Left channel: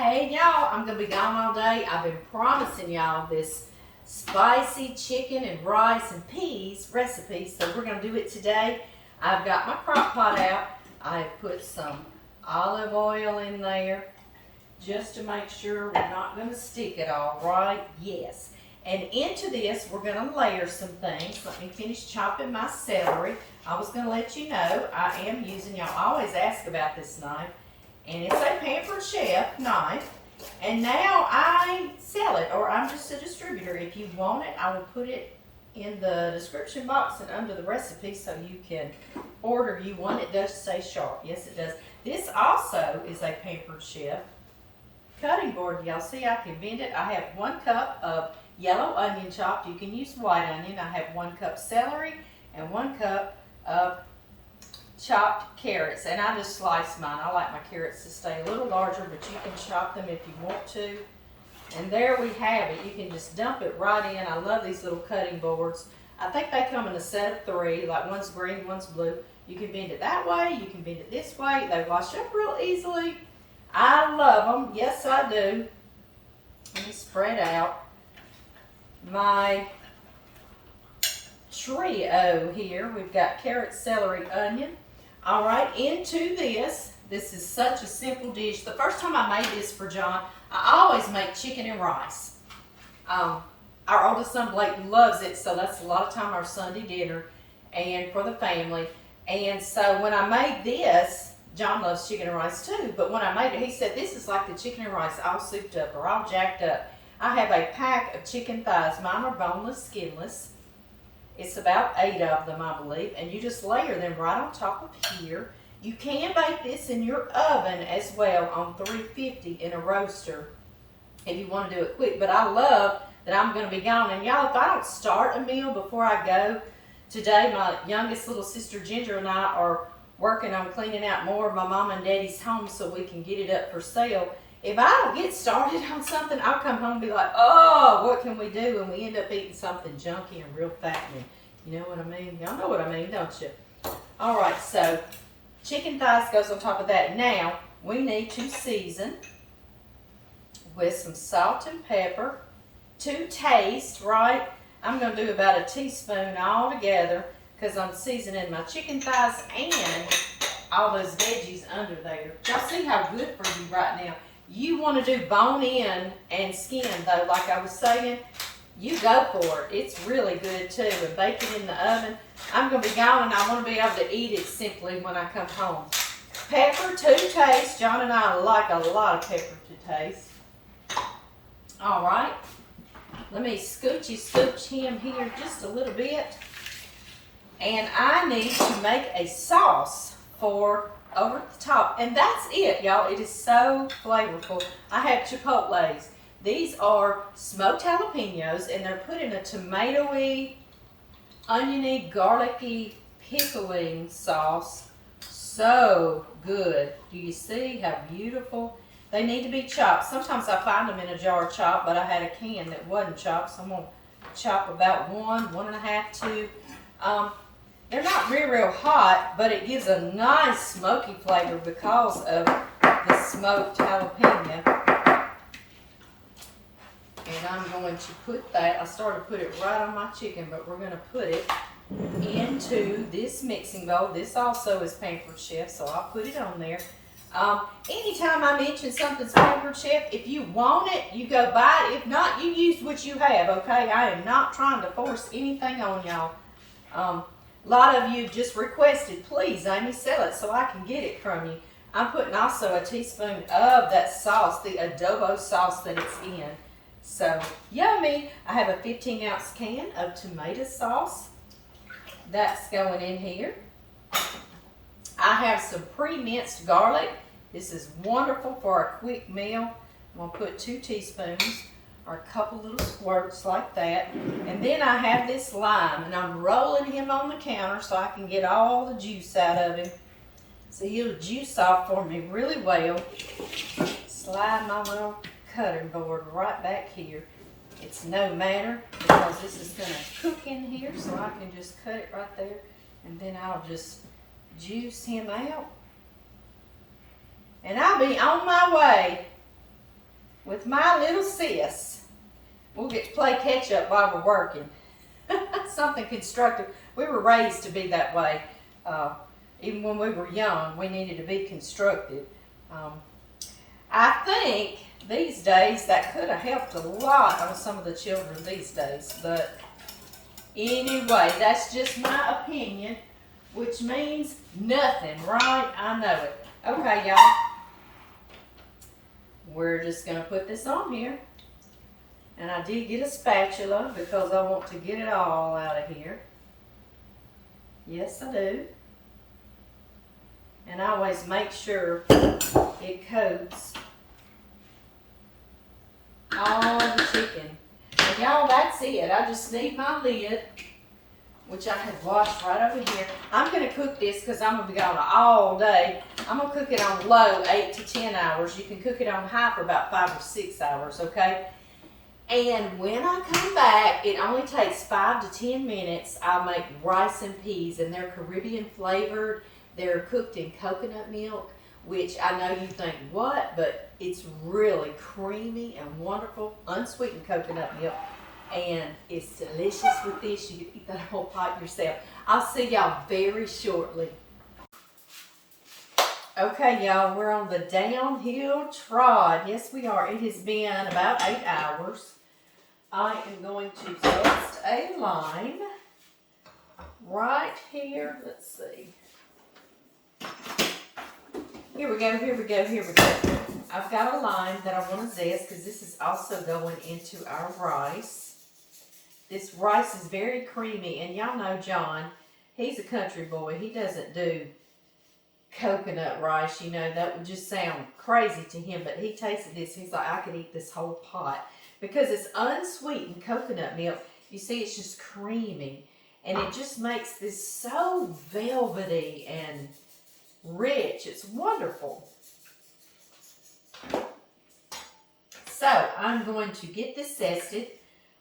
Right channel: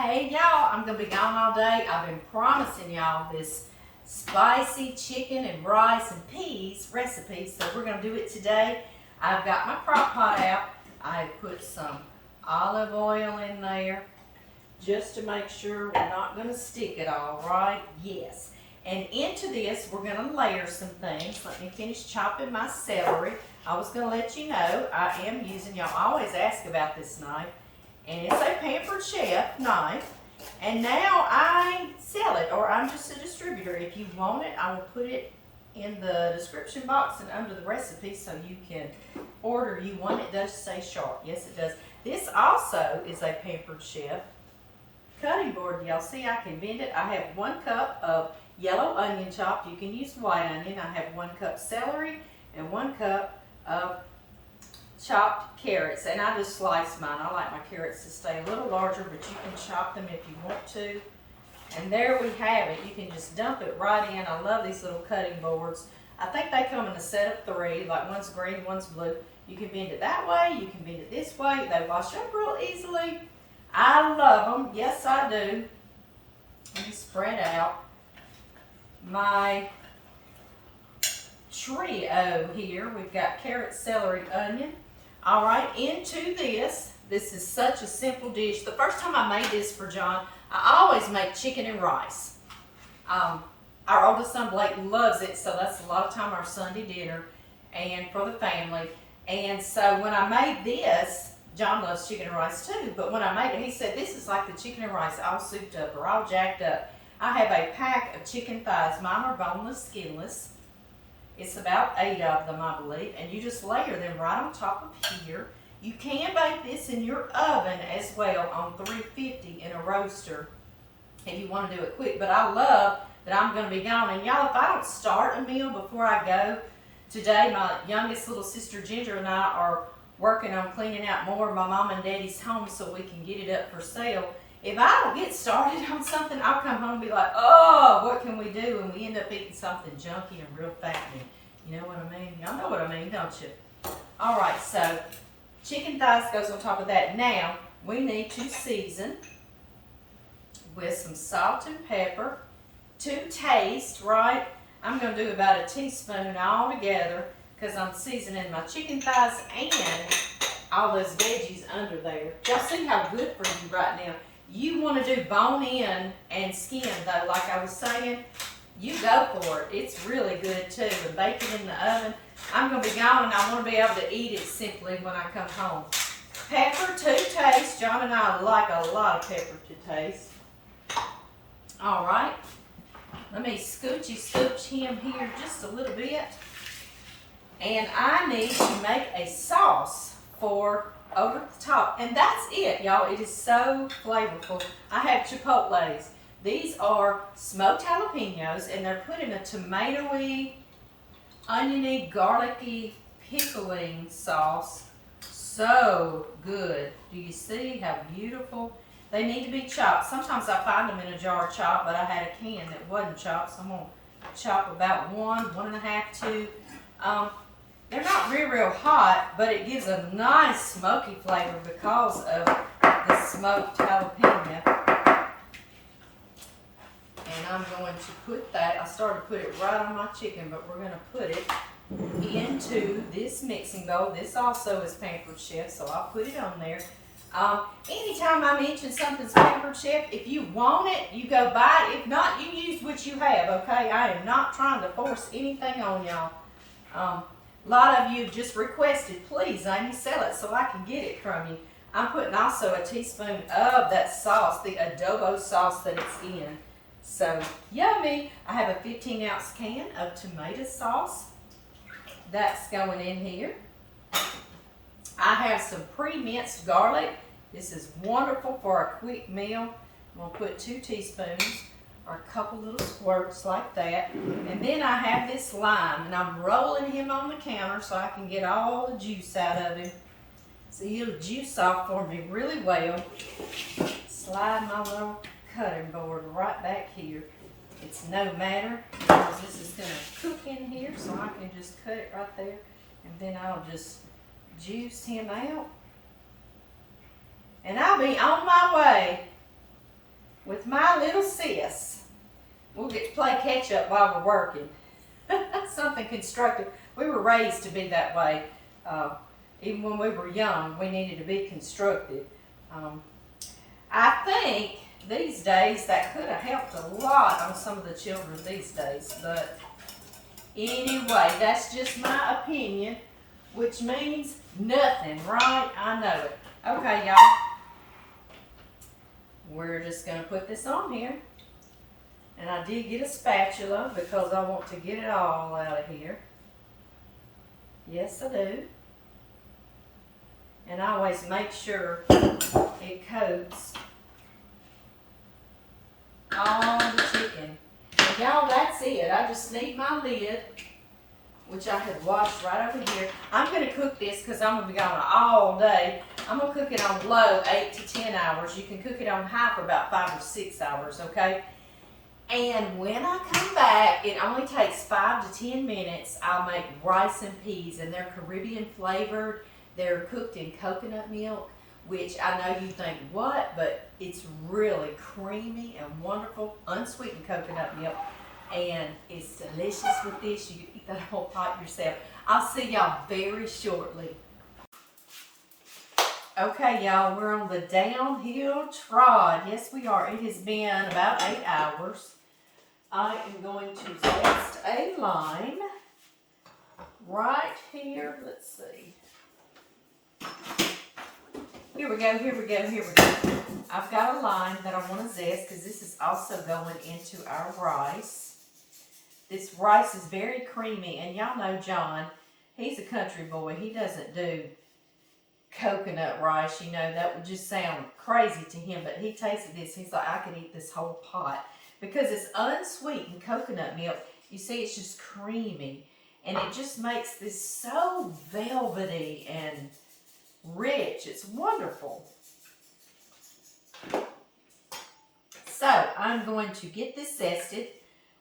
Hey y'all, I'm gonna be gone all day. I've been promising y'all this spicy chicken and rice and peas recipe, so we're gonna do it today. I've got my crock pot out. I have put some olive oil in there just to make sure we're not gonna stick it all, right? Yes. And into this, we're gonna layer some things. Let me finish chopping my celery. I was gonna let you know I am using, y'all always ask about this knife, and it's a Pampered Chef knife. And now I sell it, or I'm just a distributor. If you want it, I will put it in the description box and under the recipe so you can order you one. It does say sharp. Yes, it does. This also is a Pampered Chef cutting board. Y'all see I can bend it. I have 1 cup of yellow onion chopped. You can use white onion. I have 1 cup celery and 1 cup of chopped carrots, and I just slice mine. I like my carrots to stay a little larger, but you can chop them if you want to. And there we have it. You can just dump it right in. I love these little cutting boards. I think they come in a set of 3, like one's green, one's blue. You can bend it that way, you can bend it this way. They wash up real easily. I love them. Yes, I do. Let me spread out my trio here. We've got carrot, celery, onion. All right, into this. This is such a simple dish. The first time I made this for John, I always make chicken and rice. Our oldest son Blake loves it, so that's a lot of time our Sunday dinner and for the family. And so when I made this, John loves chicken and rice too, but when I made it, he said, this is like the chicken and rice all souped up or all jacked up. I have a pack of chicken thighs. Mine are boneless, skinless. It's about 8 of them, I believe, and you just layer them right on top of here. You can bake this in your oven as well on 350 in a roaster if you want to do it quick, but I love that I'm going to be gone. And y'all, if I don't start a meal before I go today, my youngest little sister Ginger and I are working on cleaning out more of my mom and daddy's home so we can get it up for sale. If I don't get started on something, I'll come home and be like, oh, what can we do? And we end up eating something junky and real fattening. You know what I mean? Y'all know what I mean, don't you? All right, so chicken thighs goes on top of that. Now, we need to season with some salt and pepper to taste, right? I'm going to do about a teaspoon all together because I'm seasoning my chicken thighs and all those veggies under there. Y'all see how good for you right now. You want to do bone in and skin though, like I was saying, you go for it. It's really good too. And bake it in the oven. I'm going to be gone and I want to be able to eat it simply when I come home. Pepper to taste. John and I like a lot of pepper to taste. All right. Let me scooch him here just a little bit. And I need to make a sauce for over the top, and that's it, y'all. It is so flavorful. I have Chipotles. These are smoked jalapenos, and they're put in a tomatoey, oniony, garlicky, pickling sauce. So good. Do you see how beautiful? They need to be chopped. Sometimes I find them in a jar chopped, but I had a can that wasn't chopped, so I'm gonna chop about 1.5, 2. They're not real hot, but it gives a nice smoky flavor because of the smoked jalapeno. And I'm going to put that, I started to put it right on my chicken, but we're going to put it into this mixing bowl. This also is Pampered Chef, so I'll put it on there. Anytime I mention something's Pampered Chef, if you want it, you go buy it. If not, you use what you have, okay? I am not trying to force anything on y'all. A lot of you just requested, please, Amy, sell it so I can get it from you. I'm putting also a teaspoon of that sauce, the adobo sauce that it's in. So, yummy. I have a 15-ounce can of tomato sauce. That's going in here. I have some pre-minced garlic. This is wonderful for a quick meal. I'm going to put 2 teaspoons. Or a couple little squirts like that. And then I have this lime, and I'm rolling him on the counter so I can get all the juice out of him. So he'll juice off for me really well. Slide my little cutting board right back here. It's no matter because this is going to cook in here, so I can just cut it right there. And then I'll just juice him out. And I'll be on my way with my little sis. We'll get to play catch up while we're working. Something constructive. We were raised to be that way. Even when we were young, we needed to be constructive. I think these days that could have helped a lot on some of the children these days. But anyway, that's just my opinion, which means nothing, right? I know it. Okay, y'all. We're just going to put this on here. And I did get a spatula because I want to get it all out of here. Yes, I do. And I always make sure it coats all the chicken. And y'all, that's it. I just need my lid, which I had washed right over here. I'm going to cook this because I'm going to be gone all day. I'm going to cook it on low 8 to 10 hours. You can cook it on high for about 5 or 6 hours, okay? And when I come back, it only takes 5 to 10 minutes. I'll make rice and peas, and they're Caribbean flavored. They're cooked in coconut milk, which I know you think, what? But it's really creamy and wonderful, unsweetened coconut milk. And it's delicious with this. You can eat that whole pot yourself. I'll see y'all very shortly. Okay, y'all, we're on the downhill trot. Yes, we are. It has been about 8 hours. I am going to zest a lime right here. Let's see. Here we go, here we go, here we go. I've got a lime that I want to zest because this is also going into our rice. This rice is very creamy, and y'all know John, he's a country boy. He doesn't do coconut rice, you know. That would just sound crazy to him, but he tasted this. He's like, I could eat this whole pot because it's unsweetened coconut milk. You see, it's just creamy, and it just makes this so velvety and rich. It's wonderful. So I'm going to get this zested.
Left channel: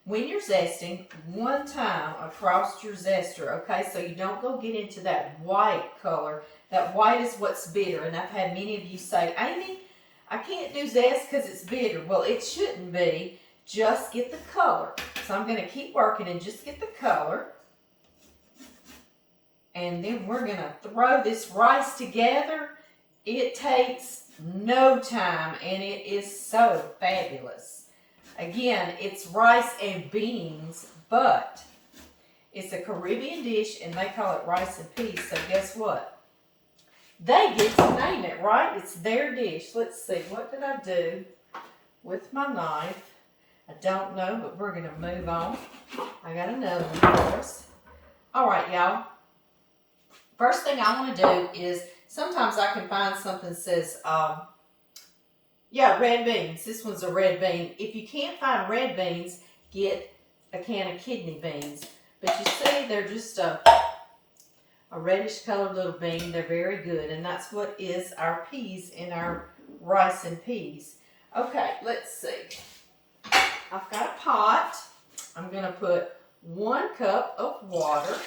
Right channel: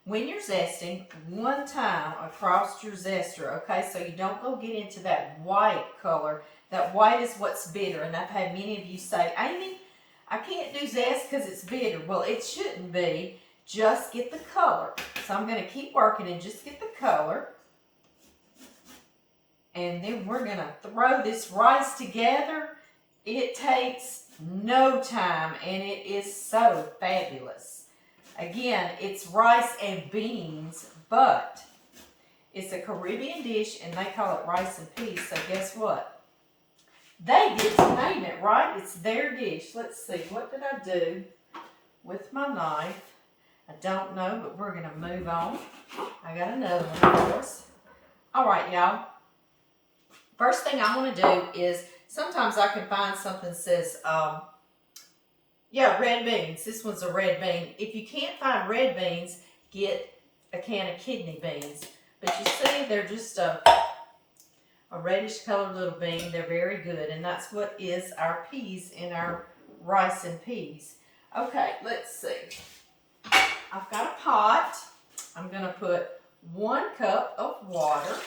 When you're zesting, one time across your zester, okay? So you don't go get into that white color. That white is what's bitter. And I've had many of you say, Amy, I can't do zest because it's bitter. Well, it shouldn't be. Just get the color. So I'm going to keep working and just get the color. And then we're going to throw this rice together. It takes no time, and it is so fabulous. Again, it's rice and beans, but it's a Caribbean dish, and they call it rice and peas. So guess what? They get to name it, right? It's their dish. Let's see. What did I do with my knife? I don't know, but we're going to move on. I got another one for us. All right, y'all. First thing I want to do is, sometimes I can find something that says, yeah, red beans. This one's a red bean. If you can't find red beans, get a can of kidney beans. But you see, they're just a reddish colored little bean. They're very good. And that's what is our peas in our rice and peas. Okay, let's see. I've got a pot. I'm going to put 1 cup of water.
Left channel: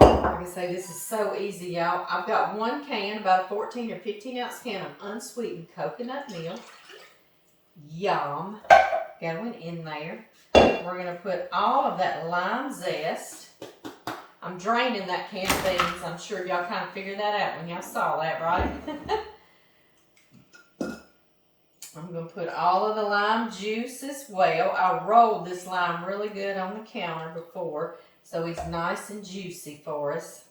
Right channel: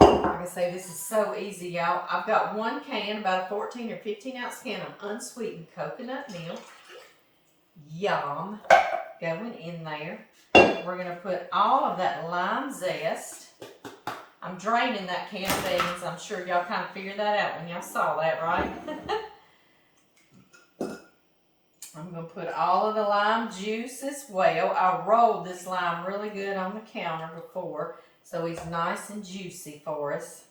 Like I say, this is so easy, y'all. I've got 1 can, about a 14 or 15 ounce can of unsweetened coconut milk. Yum. Going in there. We're going to put all of that lime zest. I'm draining that can of beans. I'm sure y'all kind of figured that out when y'all saw that, right? I'm going to put all of the lime juice as well. I rolled this lime really good on the counter before, so he's nice and juicy for us.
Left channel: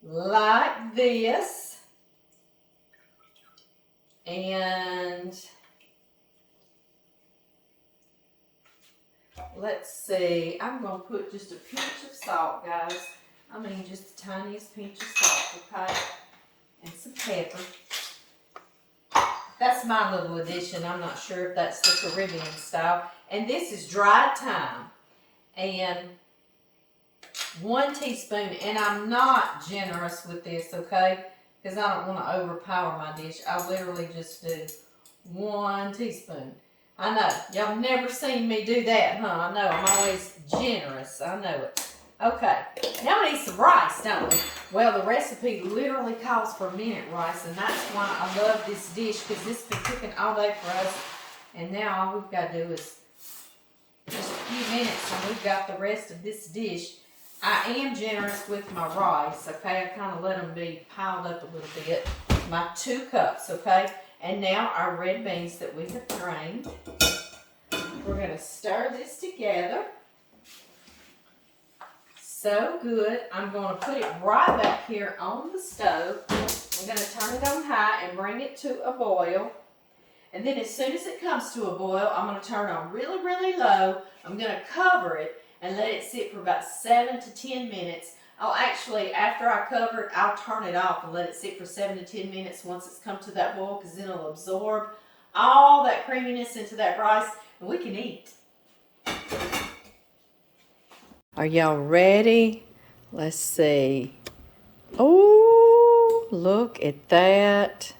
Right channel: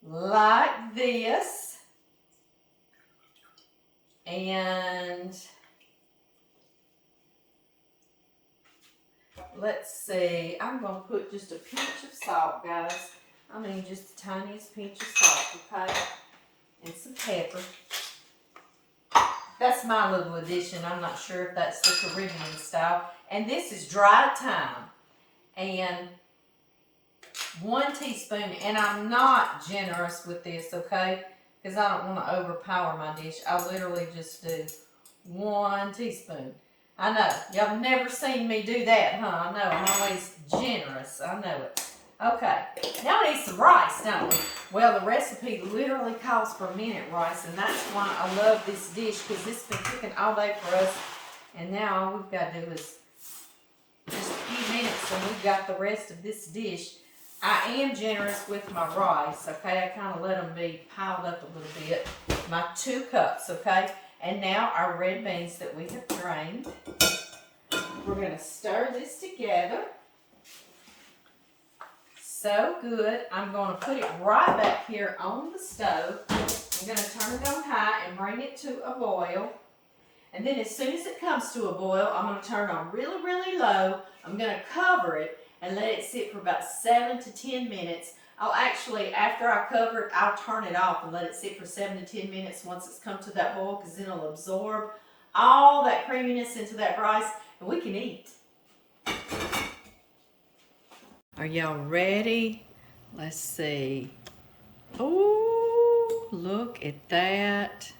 Like this. And let's see. I'm going to put just a pinch of salt, guys. I mean, just the tiniest pinch of salt, okay? And some pepper. That's my little addition. I'm not sure if that's the Caribbean style. And this is dried thyme. And 1 teaspoon. And I'm not generous with this, okay? Because I don't want to overpower my dish. I literally just do 1 teaspoon. I know. Y'all have never seen me do that, huh? I know. I'm always generous. I know it. Okay, now we need some rice, don't we? Well, the recipe literally calls for minute rice, and that's why I love this dish, because this has been cooking all day for us. And now all we've got to do is just a few minutes, and we've got the rest of this dish. I am generous with my rice, okay? I kind of let them be piled up a little bit. My 2 cups, okay? And now our red beans that we have drained. We're going to stir this together. So good. I'm going to put it right back here on the stove. I'm going to turn it on high and bring it to a boil. And then as soon as it comes to a boil, I'm going to turn on really, really low. I'm going to cover it and let it sit for about 7 to 10 minutes. I'll actually, after I cover it, I'll turn it off and let it sit for 7 to 10 minutes once it's come to that boil, because then it'll absorb all that creaminess into that rice and we can eat. Are y'all ready? Let's see. Oh, look at that.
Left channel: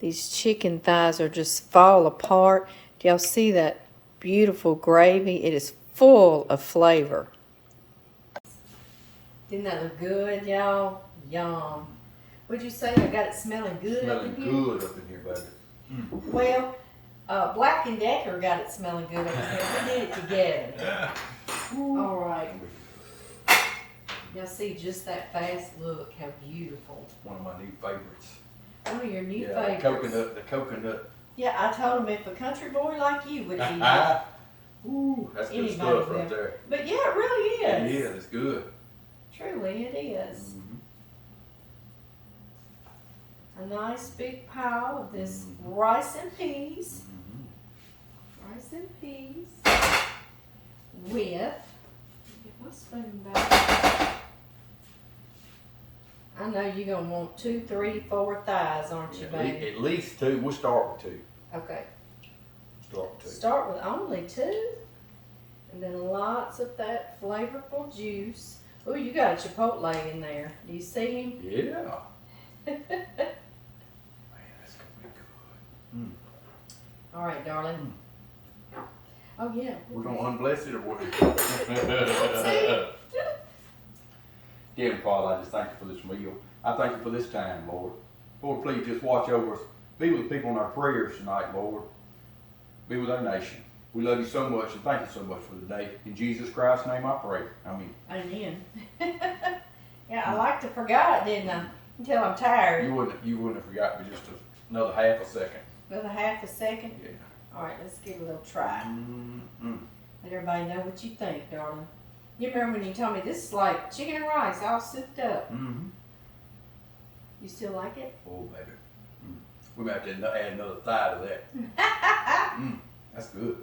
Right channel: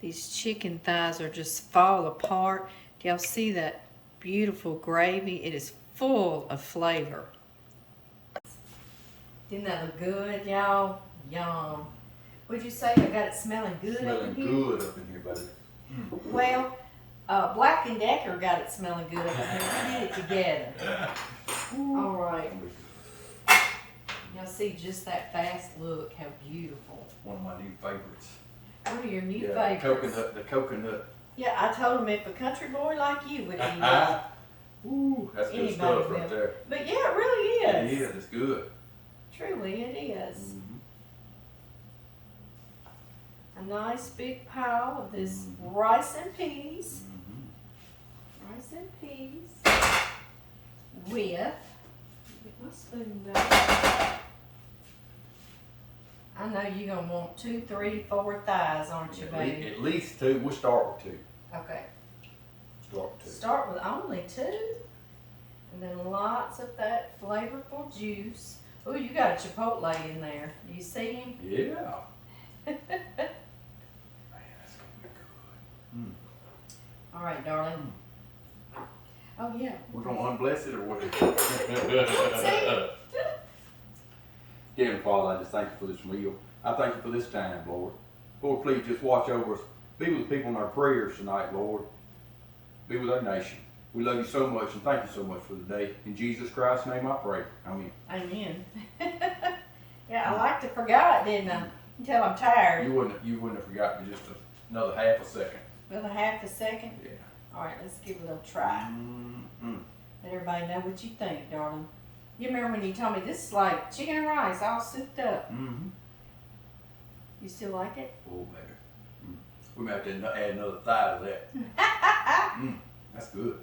These chicken thighs are just fall apart. Do y'all see that beautiful gravy? It is full of flavor. Didn't that look good, y'all? Yum. Would you say I got it smelling good up in here? Smelling good up in here, baby. Well, Black and Decker got it smelling good up in here. We did it together. All right. Y'all see just that fast look, how beautiful. One of my new favorites. One of your new Yeah, favorites. the coconut. Yeah, I told him if a country boy like you would eat it. Ooh, that's good Anybody stuff will. right there. But yeah, it really is. It is, it's good. Truly, it is. A nice big pile of this rice and peas. Rice and peas. With, get my spoon back. I know you're going to want 2, 3, 4 thighs, aren't you, baby? At least 2. We'll start with 2. Okay. Start with 2. Start with only 2. And then lots of that flavorful juice. Oh, you got a Chipotle in there. Do you see him? Yeah. Man, that's going to be good. All right, darling. Oh, yeah. We're going to unbless it or what? Heavenly Father, I just thank you for this meal. I thank you for this time, Lord. Lord, please just watch over us. Be with the people in our prayers tonight, Lord. Be with our nation. We love you so much and thank you so much for the day. In Jesus Christ's name I pray. Amen. Amen. Yeah, I like to forgot, didn't I? Until I'm tired. You wouldn't have forgotten me just another half a second. Another half a second? Yeah. All right, let's give it a little try. Let everybody know what you think, darling. You remember when you told me this is like chicken and rice all souped up? You still like it? Oh, baby. We might have to add another thigh to that. That's good.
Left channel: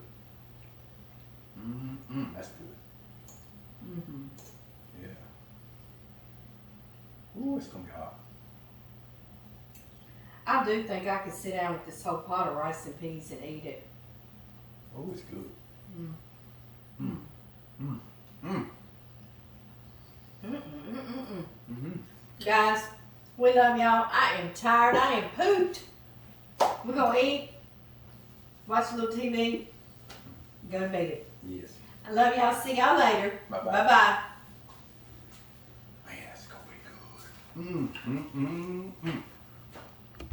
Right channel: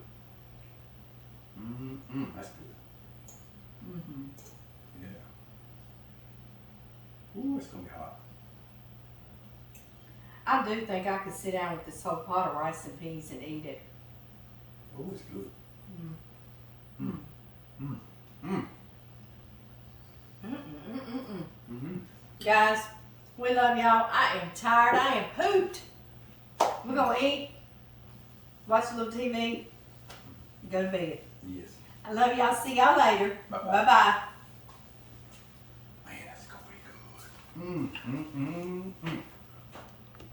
That's good. Yeah. Ooh, it's gonna be hot. I do think I could sit down with this whole pot of rice and peas and eat it. Oh, it's good. Guys, we love y'all. I am tired. I am pooped. We're gonna eat, watch a little TV, go to bed. Yes. I love y'all. See y'all later. Bye-bye. Bye-bye. Man, that's gonna be good.